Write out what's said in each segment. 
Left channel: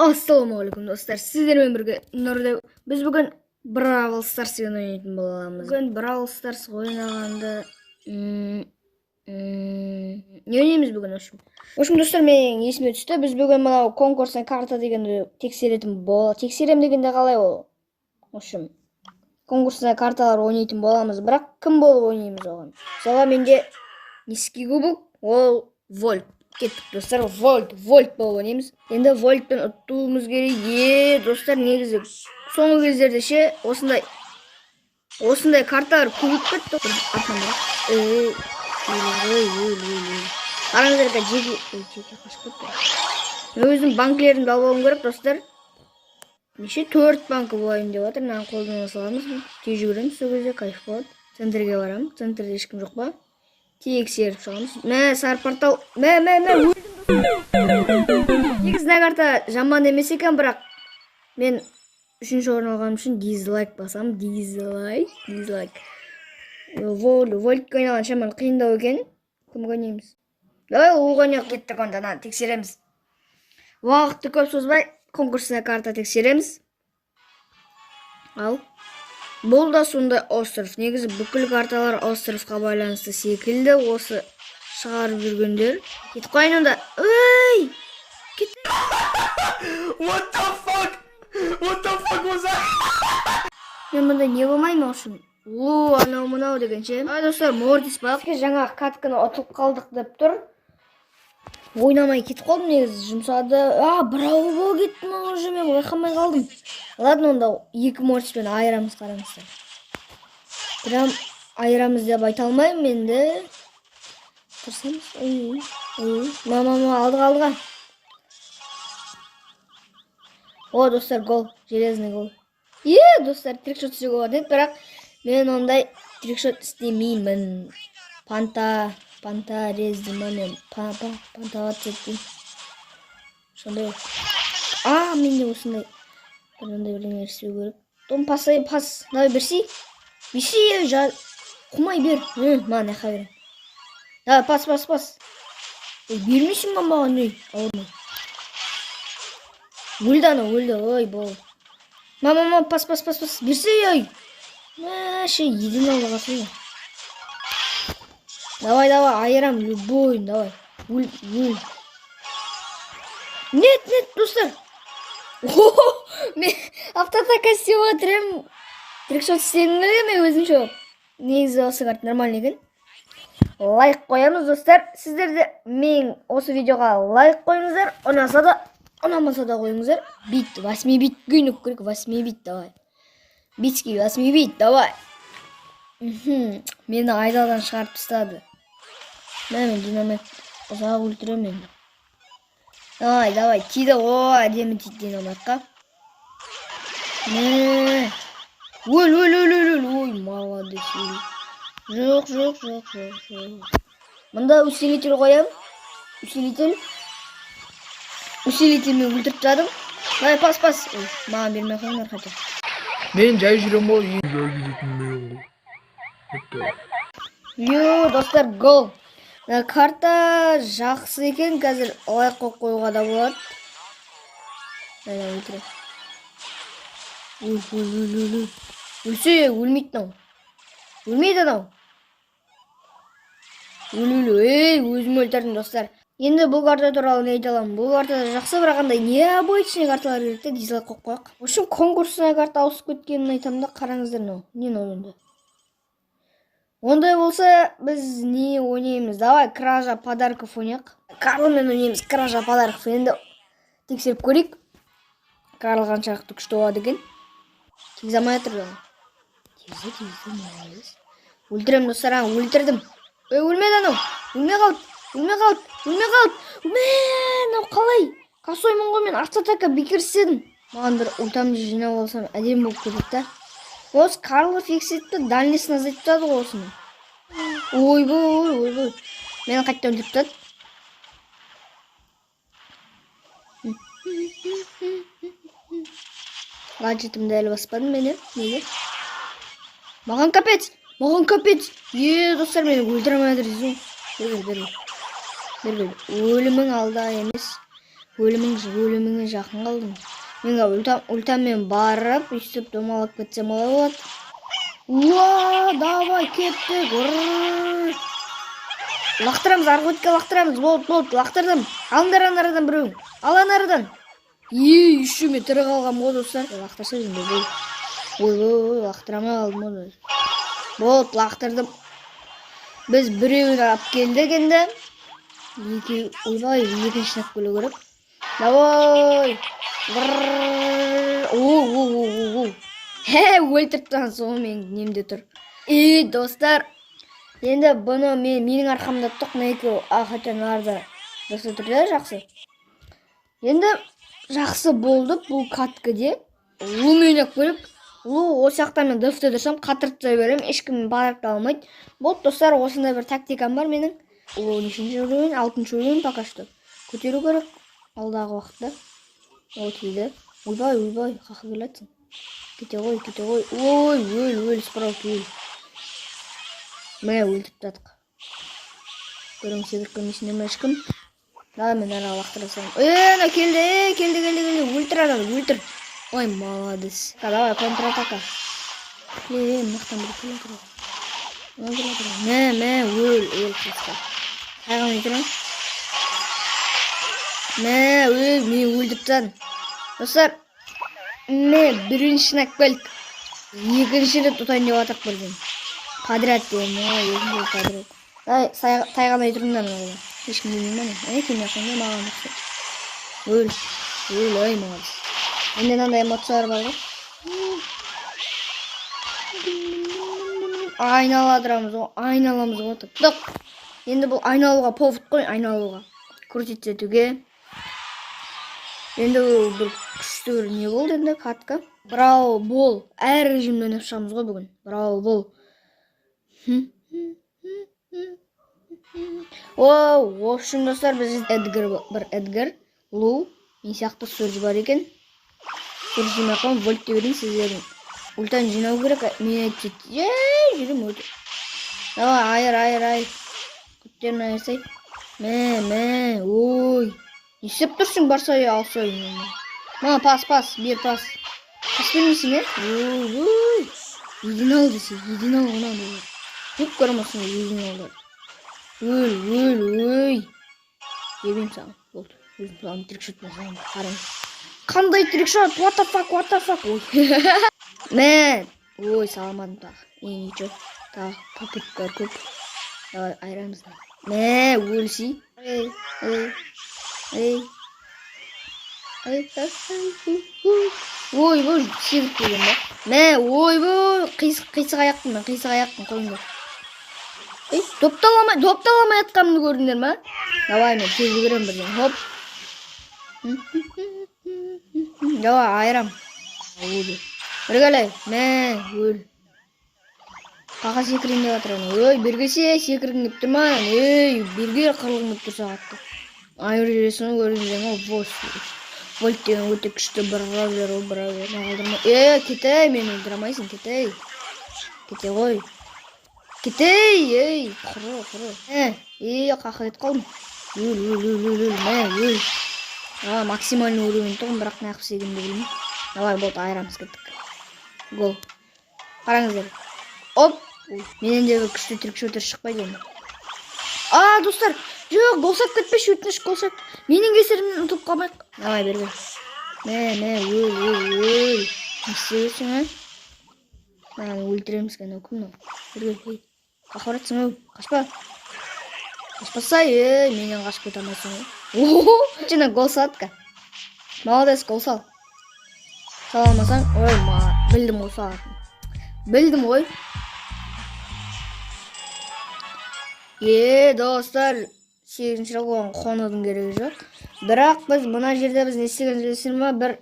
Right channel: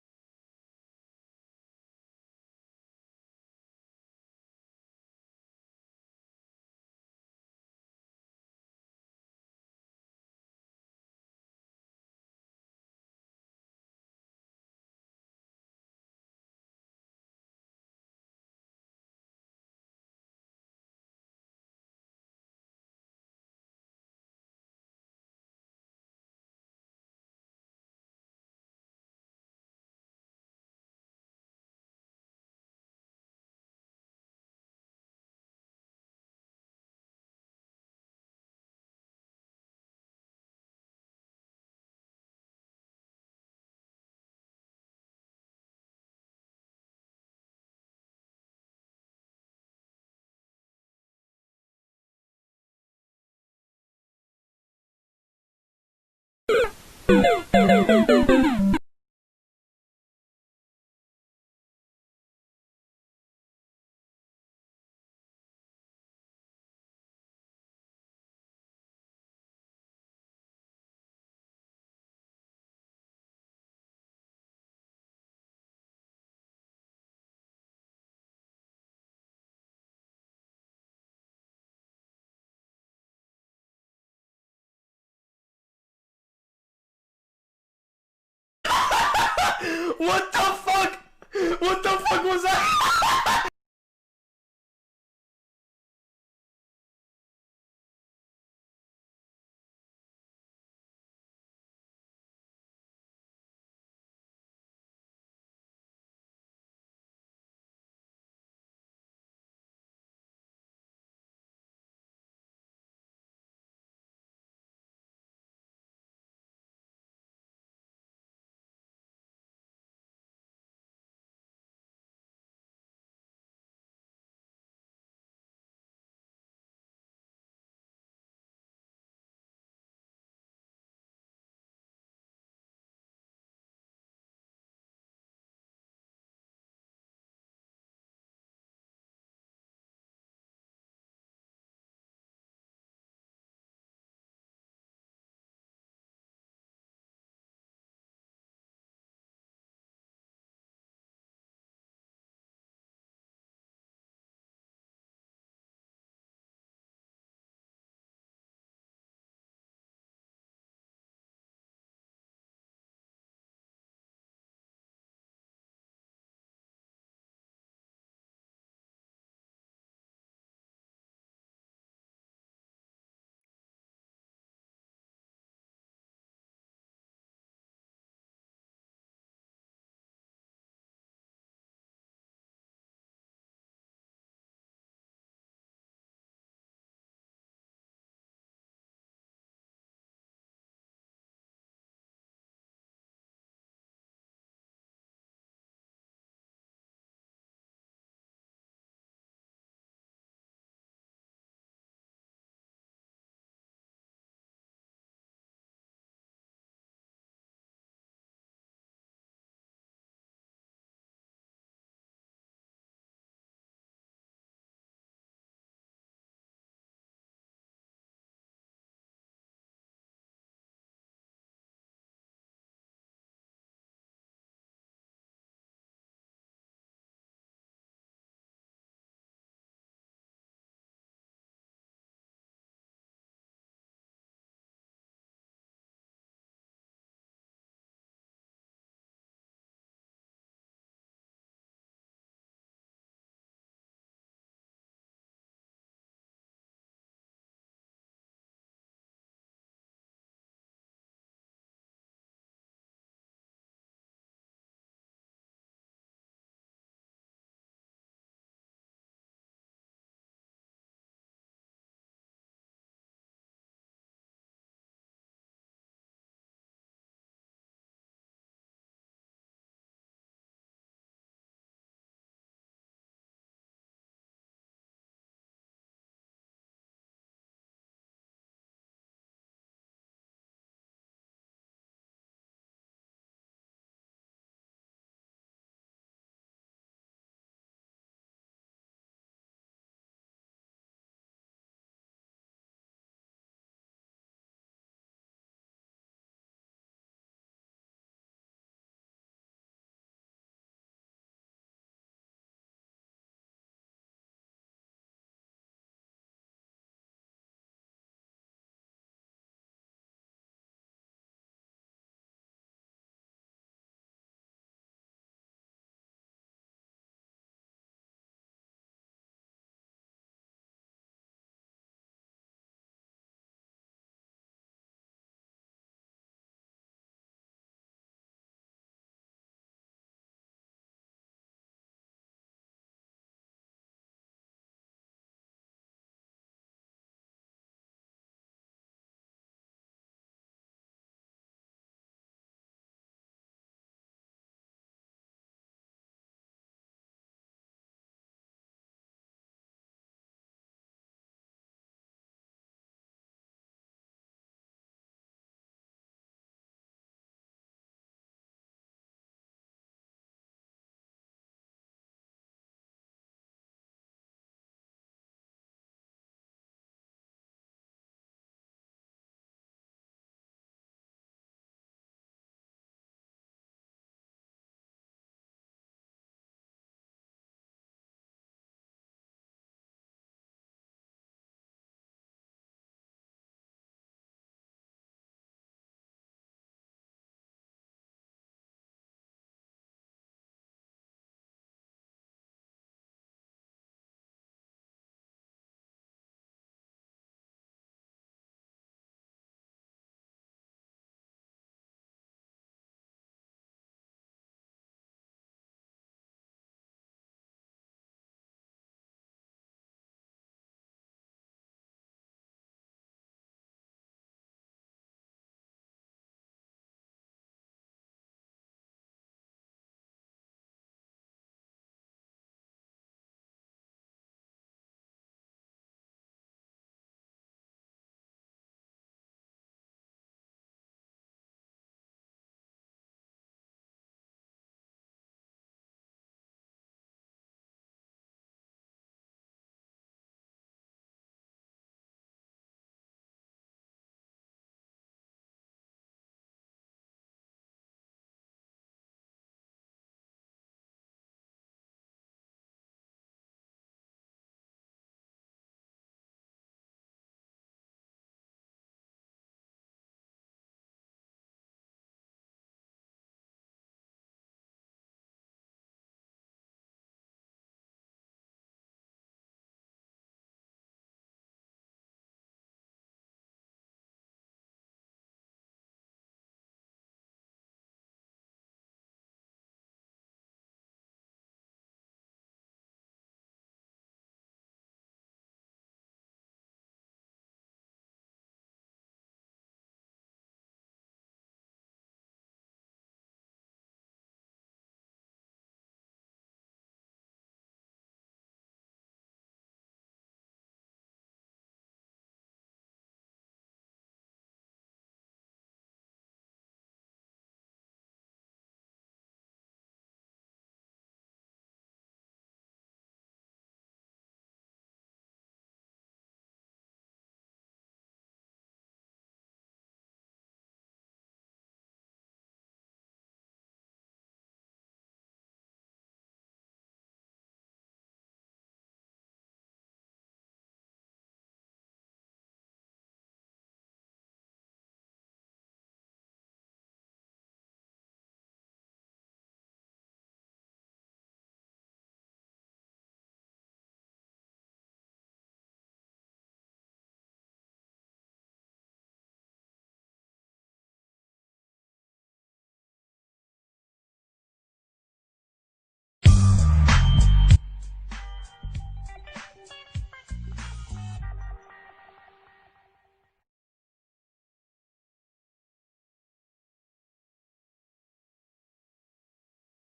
Ассалаумағалейкум достар, сіздермен бірге Нұрды. Біз бүгін Бравл Старс ойнайтын боламыз. Бүгін Бравл Старс ойнағанды не ойнаймыз бүгін? В общем, достар, менің есіме түсті. Біз бүгін мынау конкурсный карта дегенді тексерем дегенде қалай ол? В общем, конкурсный карталар ойнайтын боламыз, бірақ кім болып ойнаймыз оған? Мысалы, менде низкий кубок, ол вольт. Кеттік достар, вольт болып ойнаймыз. Енді вольтпен ұтуымыз керек. Достар, негізі соңғы кездерде ше осындай карталар көбейіп кетті. Қараңыздар, жеке қашып кетті. Өзім банкілерімді алып алуым керек, достар. Неше 4 банкі болайын деп жатыр. Мынаны қолдана саламыз. Тез жүгіреміз, сол кезде кайф болады. Центрге барамын. Центрде ешкім жоқ па? Тексеріп шығамыз. Мә, сары портал. Мә. Негізіне карта жаман емес екен, бірақ мен 3-ші орын алғаным үшін дизлайк басам. Дизлайк. Вольтке ойнаған шаман қиындау екен. Кімге ойнаймыз? Давай оған кеттік онда, тексереміз. Уақытты көп созбай конкурсына карта тексереміз. Ал. Бұл да сондай остров. Негізі бүкіл карталар островқа байланысты секілді. Осы шығарып жүргендер. Кетіп қойын онда. Ой! Кетіп. What the fuck was that? Мен мұнда не болмайын үшін? Анау мынау дегенше. Достар, Мортис бақ. Жаңа катканы ұтылып қалдық деп тұр. Ойнамай кетіп қалдым, негізі жұмсады. Браво бол кеттім уже, мен байқамай қалдым. Ладно, онда 2 Мортиспен айырамыз, қараңыздар. Прям айырамыз деп айта алмаймын енді. Тұрсамыз. Алдыға. О, достар, гол. Железный гол. Достар, трикшот істеуге болады, бірақ мен ондай трикшот істемеймін. Панта рездима мен пантаға түсеттім. Сондай. Менде осындай бірінде бірдеңе істеу керек. Том, пас. Давай берси. Құмай бер. Маған яқа берем. Давай, пас. Бермейсің маған не? Ауырмай. Өлді. Ой, бол. Мама, пас. Берси, ой. Един алға қасың. Давай, айырам, любой, давай. Өл. Нет, достар. Мен автотака істеп отырмын. Трикшот істедім мен өзімше. Негізі осы карт нормальный екен. Лайк қоямыз, достар. Сіздер де мен осы видеоға лайк қойыңыздар. Ұнамаса да қойыңыздар. 8 бит күйініп керек. 8 бит, давай. Битский 8 бит, давай. Мені айдалдан шығарып тастады. Мен динамит ұзақ өлтіремін. Давай, тиді. Әдемі тиді динамитқа. Өл. Ой, молодец. Жоқ. Мұнда усилитель қоям. Усилительмен өлтіріп тастадым. Давай, пас. Маған бермей қойыңдар қайта. Мен жай жүрем ғой. Достар, гол. Карта жақсы екен, қазір лайк қойуға да болады. Өлтірем. Өлсе, өлмейді нау. Өлмейді нау. Өзім өлтірдім, достар. Енді бұл карта туралы не айта аламын? Бұл картада жақсы, бірақ қандай необычный карталар керекті, дизлайк қойып қояйық. В общем, конкурсына карта ауысып кеткенін айтамын да, қараңыздар нау. Не ойында? Ондай болса, біз не ойнаймыз? Давай, кража подарков ойнайық. Карлмен ойнаймыз, кража подарков. Енді тексеріп көрейік. Карл қаншалықты күшті болады екен. Тегізамай жатыр. Тегізі. Өлтірем, достар, өлтірдім. Өлмеді анау. Өлмей қалды. Нау қалай? Қасоймын ғой, мен автотака бекер істедім. Маған бір ультамды жинап алсам, әдем болып кетті. Осы Карлы фиксетті дальнесін азайтып тады ғой осыны. Ойбой. Мені қайттан өлтіріп тады. Гаджетімді әлі баспадым мені. Неге? Маған капец. Достар, мені өлтіремей жатыр дейсің. Бер. Өлімің алда емес. өліміңе жақын қалдым. Мен ультамен барып, үстіп домалап кетсем олай болады. Уа, давай, кеттік. Лақтырамыз, арғы өтке лақтырамыз. Болды, лақтырдым. Алыңдар анарадан біреуін. Ал анарадан. Үші мен тірі қалғам ғой, достар. Лақтырса жынды бол. Ой, лақтырамай қалдым ғой. Болды, лақтырдым. Біз біреуін алып келдік енді. Ойбай, екінші нақ бөлу керек. Давай. Өлтірттен соң мен немде тұр. Достар. Енді бұны менің арқамда тұқ нәйкі ақытын арда. Достар тұрда жақсы. Енді жақсы болды бұл каткіде. Луменек бөліп. Лу осяқта мен дұфты тұрсам қатыртса берем. Ешкім барып алмайды. Болды достар, осындай бір тактикам бар менің. Ол нешінші өлеуін, 6-шы өлеуін пока что. Көтеру керек алдағы уақытта. Ол келді. Ойбай, қақы келетсің. Кете ғой. Ой, справа өл. Мә өлтіп татық. Көрің себіркен есінде ме ешкім? Да, мен ара лақтырасам. Келді. Өлтір адам, өлтір. Ой, молодец. Давай, контратака. Мақтан бір келі. Мә, өл қасқа. Қайған өйтірін? Мен өлдіп тан. Достар, бірінші нәк бәлік. Екінші рет ұтайын деп атақ бірден. Қадрат дейін, екінші қадрат. Тайған өйтіріндар мұнда. Ешкім демеймін. Кеме қонда маған ұқты. Ой, молодец. Енді мынандай эмоциялар бар ғой. Айналамыз ғой. Дық. Енді бұл айналуға повод қой, айналуға. Крутить етуге. Енді бір күшті бір не болды енді катка. Браво бол. Әр режимді ойнап шығамыз ғой бүгін. Браво бол. Общем, достар, біз Эдгар, Лу, мен сияқты Сурж бар екен. Сурж жинаққан, вольт те берейін сіздердің. Ультан жинау керек, мен айтты. Жүрім өте. Давай, айыр. Күттерін айырсай. Ой. Есеп тұрсың, барсай, алсай. Пас, бер пас. Пас бермейсің, Ой. Един ал десе, един ал ғына болар. Көп көрмесің, един алдар. Ой. Ебейм саған. Болды. Өзім саған трикшот басам. Қарың. Қандай трикшот? What the fuck? Ой. Ой, саламадым тағы. Ничего. Тағы попыттар көп. Давай, айырамыз. Өлсей. Эй. Ой, сегіп келген ба? Ой, қисық аяқтым қойыңдар. Допталамай атқанымды көрдіңдер ма? Давай, мен тез көрем бірден. Хоп. Давай, айырам. Біргәлай. Өл. Қақа секірін деп атыран. Ой, бергесе секірін деп тұрма. Берге қырылын деп тұрса атты. Айыр жүресіні көрдіңдер ма? Вольт деген өте күшті бравлер. Кетей, мен өлдірамайсың, кетей. Кете ғой. Кетей, құры. Қақы кет қалдым. Өл. Максимальный уровень тұғым, бірақ нәқып сегімді білмей. Давай, болды, айырамыз кеттік. Гол. Қараңыздар. Оп. Менен де күшті трикшотер шықпайды енді. Достар, жоқ, голсап кетпеш, өтініш голсап. Менің кесірімнен ұтып қалмайық. Давай, бер. Өл. Не істейсің, өлтіреміз кәне, өкім нау. Бергел, қақыратсың, қашпа. Қашпасай, менен қашып кет алмайсың. Жена гол салатқа. Молодец, гол сал. Саламасаң, білдім ғой салатын. Білдім ғой. Достар, 8-ші оған қонудың керегі жоқ. Бірақ біз мұна жерде біз не істеген жүресін ма, бір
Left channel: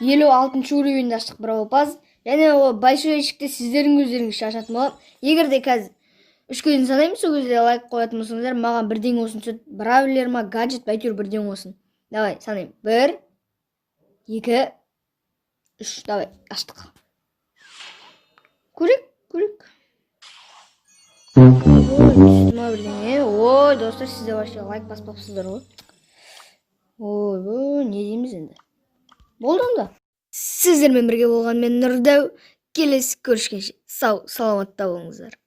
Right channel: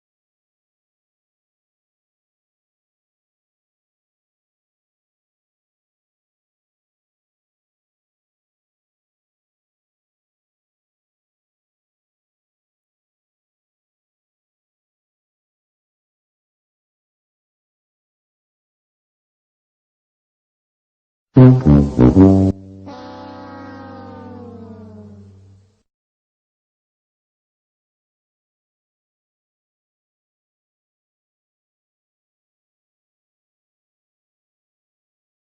56-шы уровеньді аштық бір опаз. Және ол большой ешікте сіздердің өздеріңіз шашатын болып. Егер де қазір 3-ке дейін санаймын, сол кезде лайк қоятын болсаңыздар, маған бірден осын сөт, бравлер ма, гаджет, бәйтеуір бірден осын. Давай, санайым. 1, 2, 3. Давай, аштық. Көрек. Ой, достар, сіздер вообще лайк баспапсыздар ғой. ойбой, не дейміз енді. Болды онда. Сіздермен бірге болған мен Нұрдәу. Келесі көрішкенше сау саламатта болыңыздар.